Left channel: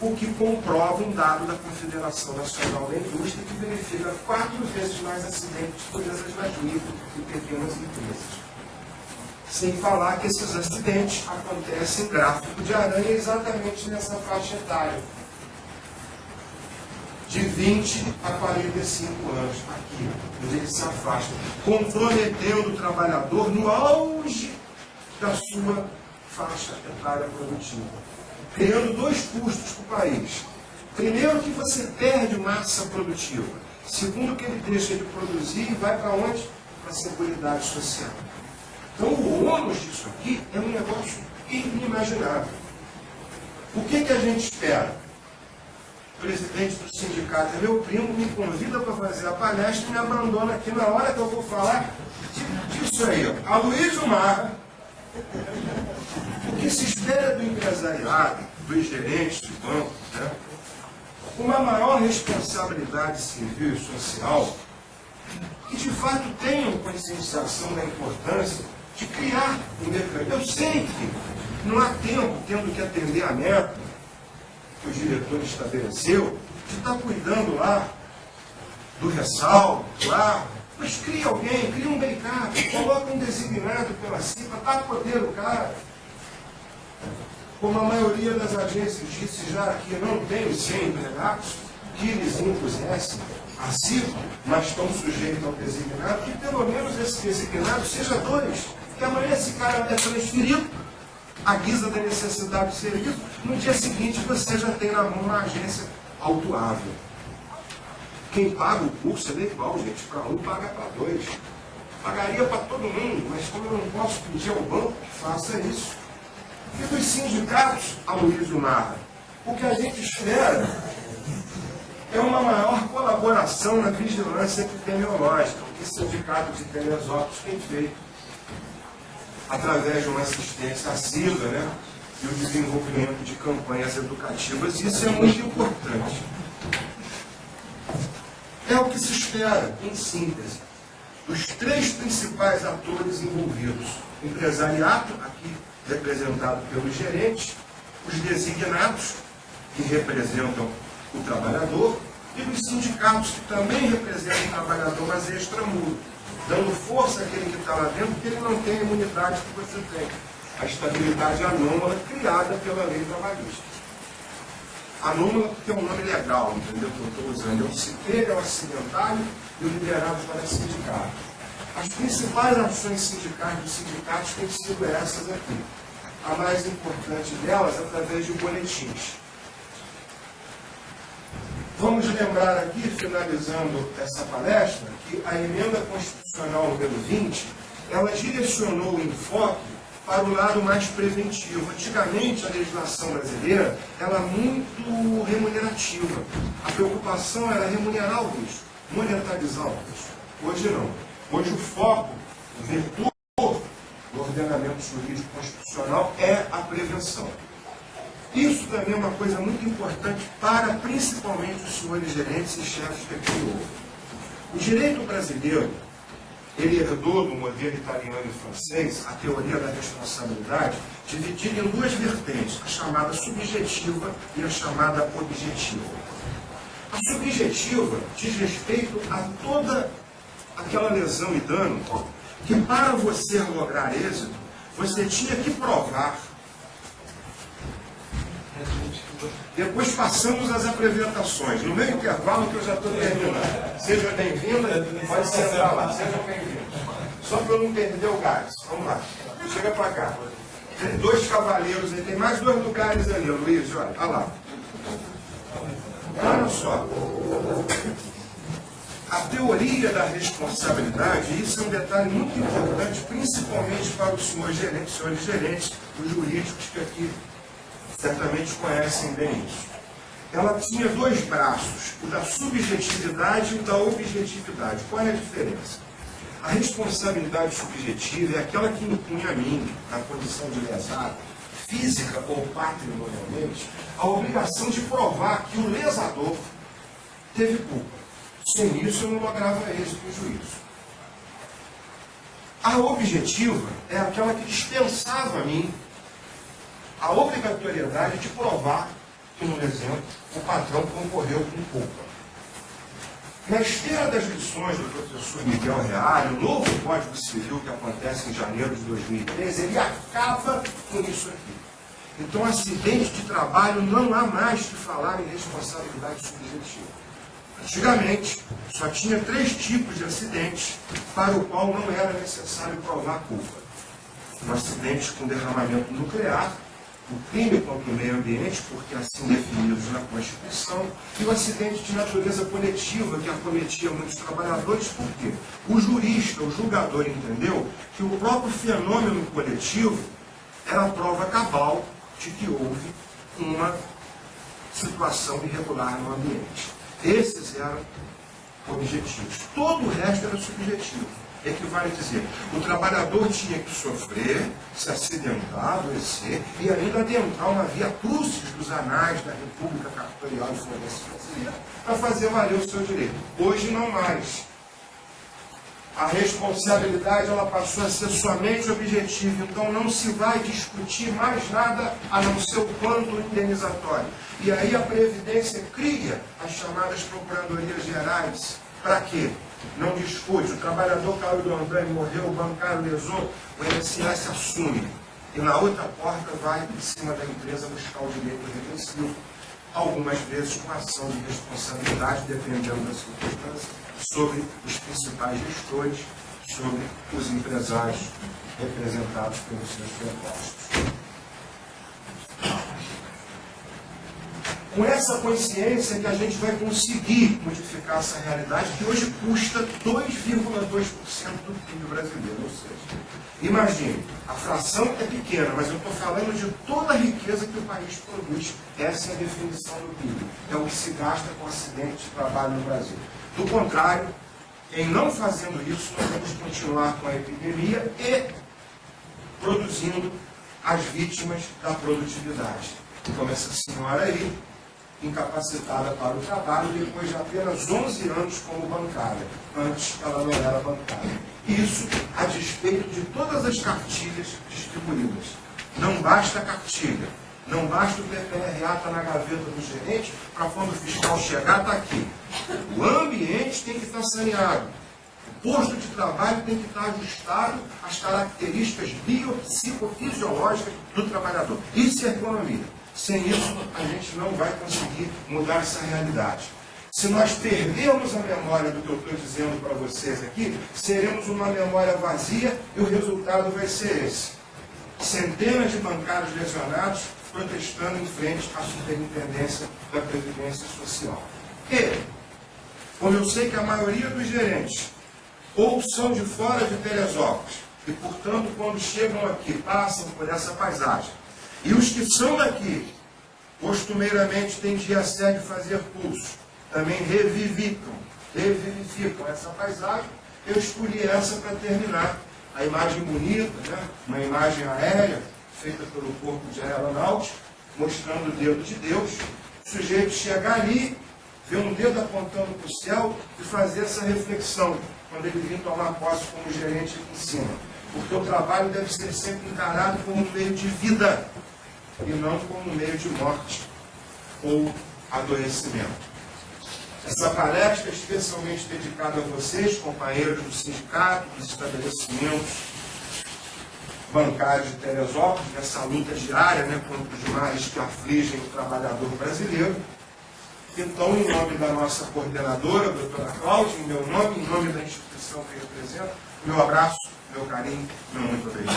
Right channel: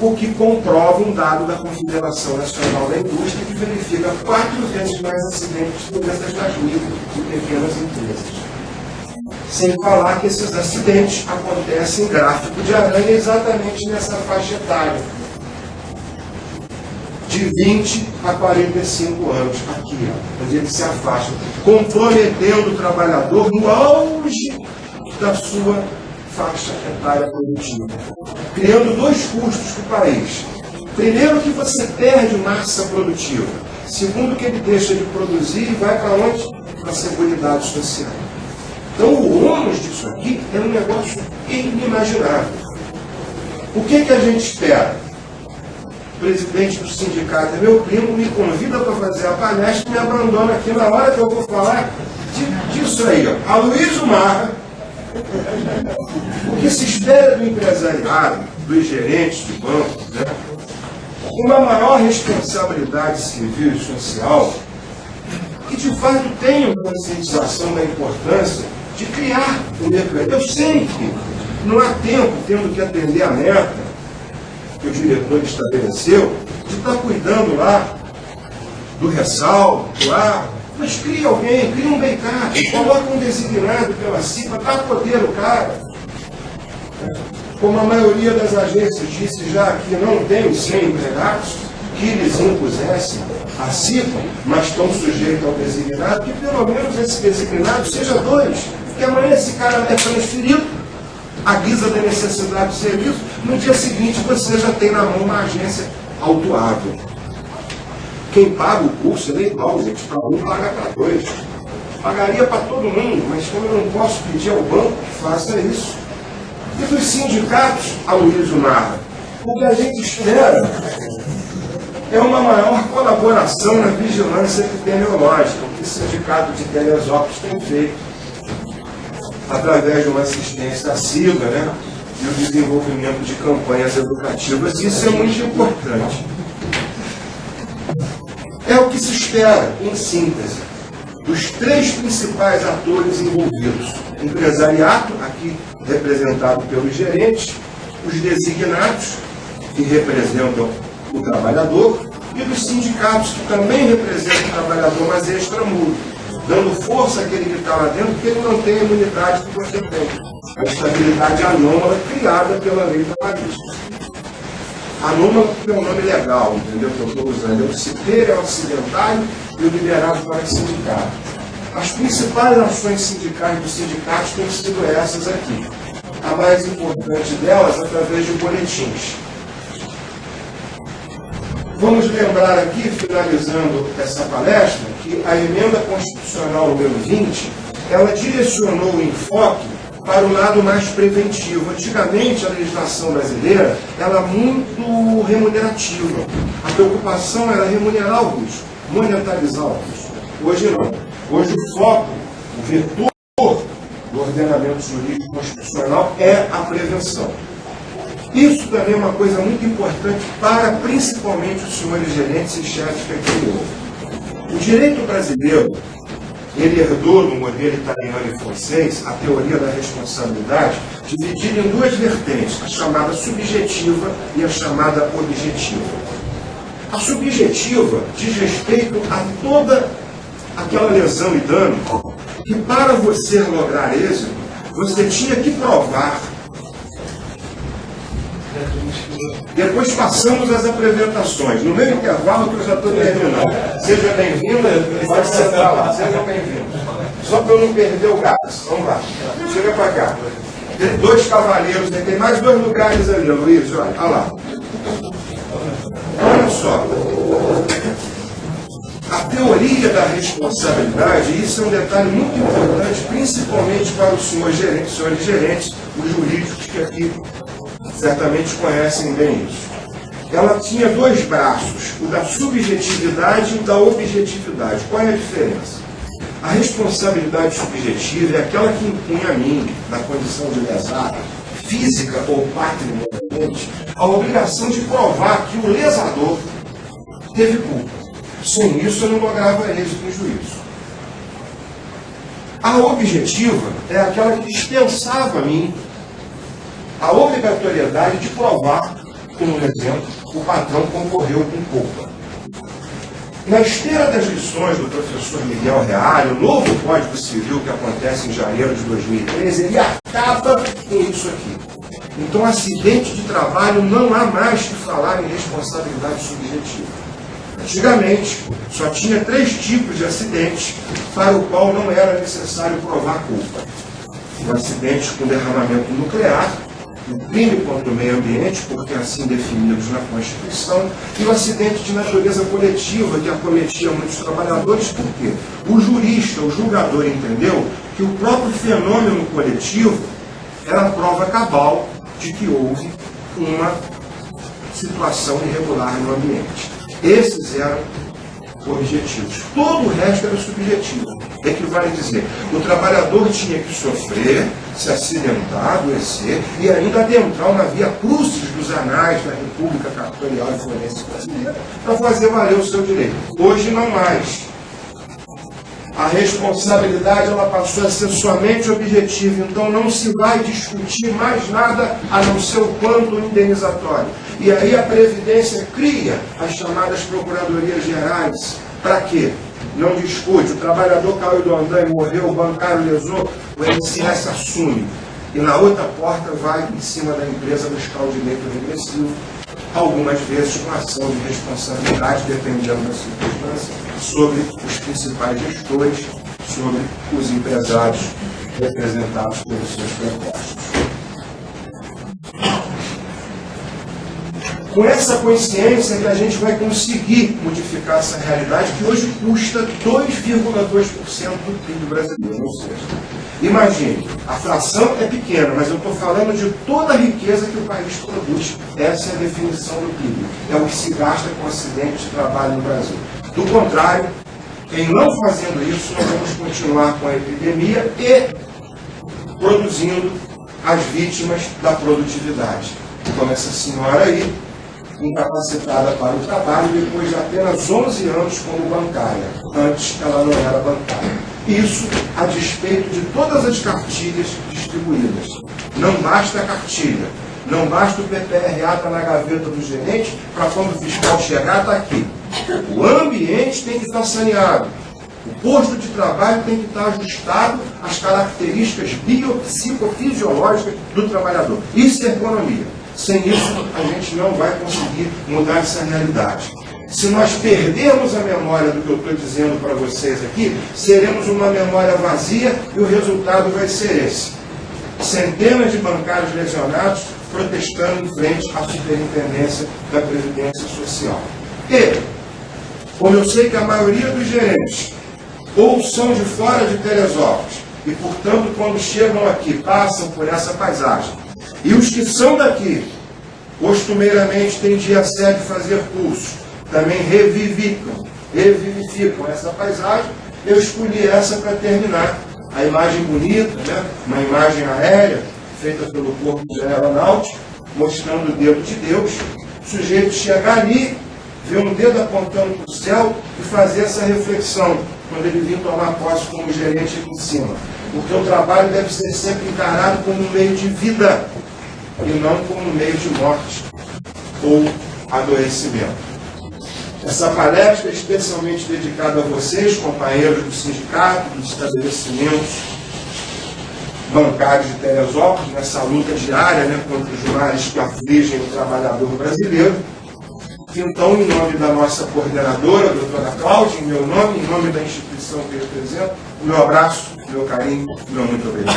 o que comprova um dado da Confederação Nacional da Indústria que verifica 4 vezes mais acidentes de doenças nas micro e pequenas empresas. Sem falar que esses acidentes acontecem em gráfico de aranha exatamente nessa faixa etária, de 20 a 45 anos, aqui, ó, onde ele se afasta, comprometendo o trabalhador no auge da sua faixa etária produtiva, criando 2 custos para o país. Primeiro, que você perde massa produtiva. Segundo, que ele deixa de produzir e vai para onde? Para a Seguridade Social. Então, o ônus disso aqui é um negócio inimaginável. O que a gente espera? O presidente do sindicato é meu primo, me convida para fazer a palestra e me abandona aqui na hora que eu vou falar disso aí, ó. Aloysio Marra. O que se espera do empresariado, dos gerentes de banco, né? Uma maior responsabilidade civil e social, que de fato tenham conscientização da importância de criar um mecanismo. Eu sei que não há tempo, tendo que atender a meta que o diretor estabeleceu, de estar cuidando lá do ressalto, do ar, mas cria alguém, cria um BEICAT, coloca um designado pela CIPA, dá poder o cara. Como a maioria das agências disse já que não tem os 100 empregados, que eles impusessem a CIPA, mas estão sujeitos ao designado, que pelo menos esse designado seja 2, que amanhã esse cara é transferido, à guisa da necessidade de serviço, no dia seguinte você já tem na mão uma agência autuável. Quem paga o curso é igual, gente, para um paga para 2. Pagaria para todo mundo, mas como eu não posso pedir ao banco que faça isso. E dos sindicatos, Aloysio Marra, o que a gente espera é uma maior colaboração na vigilância epidemiológica, o que o sindicato de Teresópolis tem feito, através de uma assistência assídua, né, e o desenvolvimento de campanhas educativas. Isso é muito importante. É o que se espera, em síntese, dos 3 principais atores envolvidos. O empresariado, aqui representado pelos gerentes, os designados, que representam o trabalhador, e dos sindicatos, que também representam o trabalhador, mas extramuros, dando força àquele que está lá dentro, porque ele não tem a imunidade que você tem. A estabilidade anômala criada pela lei trabalhista. Anômala porque é um nome legal, entendeu? Que eu estou usando. É o CIPER, é o acidentário e o liberado para sindicato. As principais ações sindicais dos sindicatos têm sido essas aqui. A mais importante delas, através de boletins. Vamos lembrar aqui, finalizando essa palestra, que a emenda constitucional número 20, ela direcionou o enfoque para o lado mais preventivo. Antigamente, a legislação brasileira era muito remunerativa. A preocupação era remunerar o risco, monetarizar o risco. Hoje não. Hoje o foco, o vetor do ordenamento jurídico constitucional é a prevenção. Isso também é uma coisa muito importante para, principalmente, os senhores gerentes e chefes que aqui houve. O direito brasileiro, ele herdou no modelo italiano e francês a teoria da responsabilidade, dividida em 2 vertentes, a chamada subjetiva e a chamada objetiva. A subjetiva diz respeito a toda aquela lesão e dano que, para você lograr êxito, você tinha que provar. Depois passamos às apresentações. No meio intervalo, que eu já estou terminando. Seja bem-vindo, pode sentar lá. Seja bem-vindo. Só para eu não perder o gás. Vamos lá. Chega para cá. Tem 2 cavaleiros, tem mais 2 lugares ali, Luiz. Olha lá. Olha só. A teoria da responsabilidade, isso é um detalhe muito importante, principalmente para os senhores gerentes, os jurídicos que aqui certamente conhecem bem isso. Ela tinha 2 braços, o da subjetividade e o da objetividade. Qual é a diferença? A responsabilidade subjetiva é aquela que impunha a mim, na condição de lesado, física ou patrimonialmente, a obrigação de provar que o lesador teve culpa. Sem isso, eu não lograva êxito no juízo. A objetiva é aquela que dispensava a mim a obrigatoriedade de provar como exemplo, o patrão concorreu com culpa. Na esteira das lições do professor Miguel Reale, o novo Código Civil que acontece em janeiro de 2013, ele acaba com isso aqui. Então, acidente de trabalho não há mais que falar em responsabilidade subjetiva. Antigamente, só tinha 3 tipos de acidentes para o qual não era necessário provar culpa. O acidente com derramamento nuclear, o crime contra o meio ambiente, porque assim definidos na Constituição, e o acidente de natureza coletiva, que acometia muitos trabalhadores, porque o jurista, o julgador, entendeu que o próprio fenômeno coletivo era a prova cabal de que houve uma situação irregular no ambiente. Esses eram objetivos. Todo o resto era subjetivo. Equivale a dizer, o trabalhador tinha que sofrer, se acidentar, adoecer e ainda adentrar uma via crucis dos anais da República Cartorial e Forense Brasileira para fazer valer o seu direito. Hoje não mais. A responsabilidade ela passou a ser somente objetiva, então não se vai discutir mais nada a não ser o quanto indenizatório. E aí a Previdência cria as chamadas Procuradorias Gerais. Para quê? Não discute. O trabalhador caiu do andaime, morreu, o bancário lesou, o INSS assume. E na outra porta vai em cima da empresa buscar o direito regressivo, algumas vezes com ação de responsabilidade, dependendo da circunstância, sobre os principais gestores, sobre os empresários representados pelos seus prepostos. Com essa consciência que a gente vai conseguir modificar essa realidade que hoje custa 2,2% do PIB brasileiro. Ou seja, imagine, a fração é pequena, mas eu estou falando de toda a riqueza que o país produz. Essa é a definição do PIB. É o que se gasta com acidentes de trabalho no Brasil. Do contrário, em não fazendo isso, nós vamos continuar com a epidemia e produzindo as vítimas da produtividade. Como essa senhora aí, incapacitada para o trabalho depois de apenas 11 anos como bancária. Antes ela não era bancária. Isso a despeito de todas as cartilhas distribuídas. Não basta a cartilha, não basta o PPRA estar na gaveta do gerente para quando o fiscal chegar, está aqui. O ambiente tem que estar saneado. O posto de trabalho tem que estar ajustado às características biopsicofisiológicas do trabalhador. Isso é economia. Sem isso, a gente não vai conseguir mudar essa realidade. Se nós perdermos a memória do que eu estou dizendo para vocês aqui, seremos uma memória vazia e o resultado vai ser esse. Centenas de bancários lesionados protestando em frente à superintendência da Previdência Social. E, como eu sei que a maioria dos gerentes ou são de fora de Teresópolis e, portanto, quando chegam aqui, passam por essa paisagem, e os que são daqui, costumeiramente têm dia sede fazer cursos, também revivificam essa paisagem, eu escolhi essa para terminar. A imagem bonita, né? Uma imagem aérea, feita pelo Corpo de Aeronáutica, mostrando o dedo de Deus. O sujeito chega ali, vê um dedo apontando para o céu e fazer essa reflexão, quando ele vir tomar posse como gerente aqui em cima. Porque o trabalho deve ser sempre encarado como um meio de vida, e não como meio de morte ou adoecimento. Essa palestra é especialmente dedicada a vocês, companheiros do sindicato, dos estabelecimentos bancários de Teresópolis, nessa luta diária, né, contra os males que afligem o trabalhador brasileiro. Então, em nome da nossa coordenadora, a doutora Cláudia, em meu nome, em nome da instituição que eu represento, meu abraço, meu carinho, meu muito obrigado.